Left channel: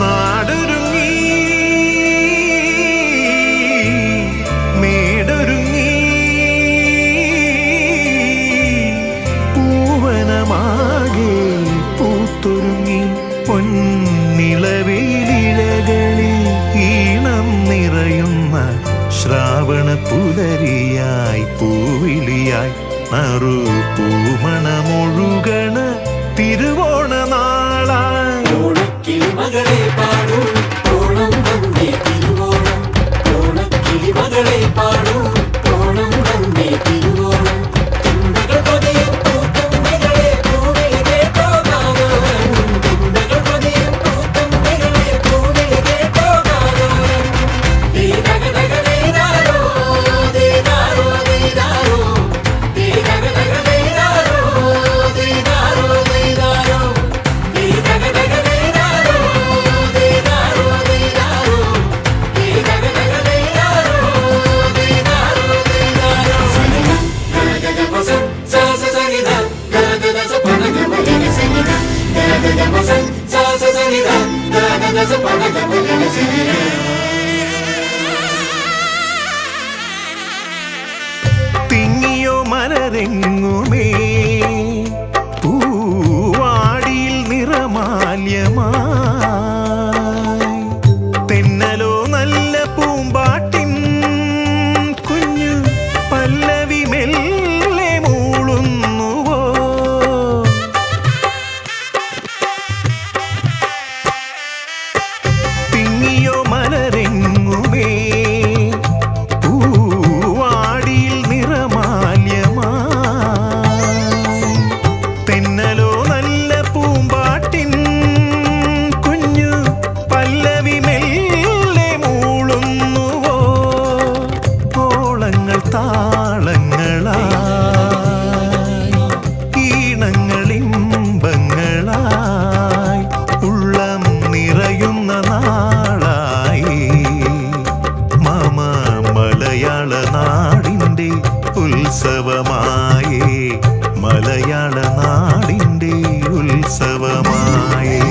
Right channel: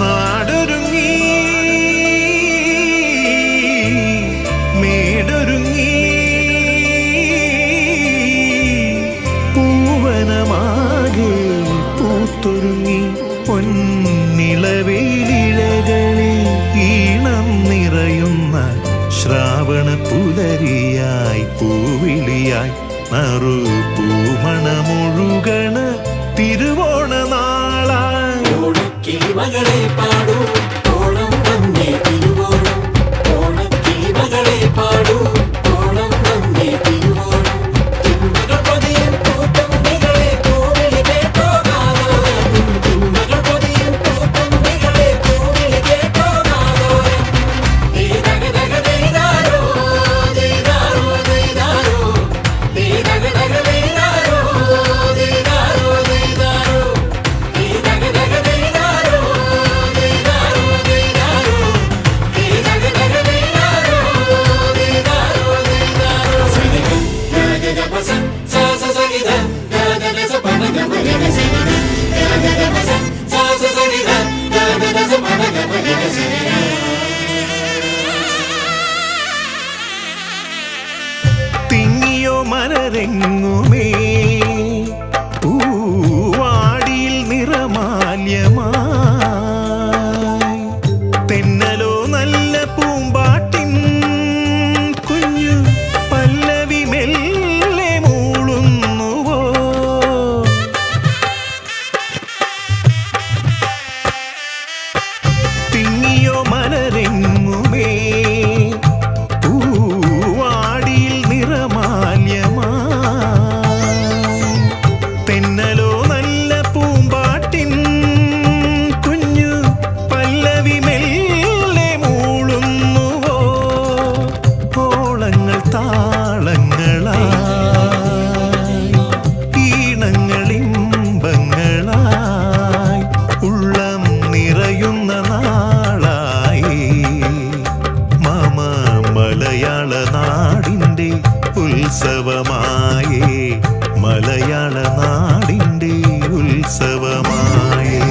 നാടൊരുങ്ങി മേടൊരുങ്ങി പൂവനമാകെ പൂത്തൊരുങ്ങി പൊന്നിളവെയിലിഴകളിൽ ഈണം നിറയുന്ന ശ്രാവണ പുലരിയായി പൂവിളിയായി നറു പൂമണമൊഴുകണ തിരുവോണ നാളായി മകളെ പാടൂ ഓണം വന്നേ തിരുവോണം ഓണക്കിളി മകളെ പാടൂ ഓണം വന്നേ തിരുവോണം തുമ്പകൾ പതിയും പൂത്തുമ്പികളെ പൂവിളി കേട്ടോ നാദോരം തുമ്പകൾ പതിയും പൂത്തുമ്പികളെ പൂവിളി കേട്ടോ നാദോരം ദീദഗദഗ ദീദാരോ ദീദാരോ ദീദാരോ ദീദഗദഗ ദീദാരോ ദീദാരോ ദീദാരോ ദീദഗദഗ തിങ്ങിയോ മലരെങ്ങുമേ പൂവാടിയിൽ നിറമാല്യമായി തെന്നലോ നല്ല പൂമ്പാട്ടിൻ കുഞ്ഞു പല്ലവി മെല്ലെ മൂളുന്നുവോ തിങ്ങിയോ മലരെങ്ങുമേ പൂവാടിയിൽ നിറമാല്യമായി തെന്നലോ നല്ല പൂമ്പാട്ടിൻ കുഞ്ഞു പല്ലവി മെല്ലെ മൂളുന്നുവോ ഓളങ്ങൾ താളങ്ങളായി ഈണങ്ങളിമ്പങ്ങളായി ഉള്ളം നിറയുന്ന നാളായി മമ മലയാള നാടിൻ്റെ ഉത്സവമായേ മലയാള നാടിൻ്റെ ഉത്സവമായേ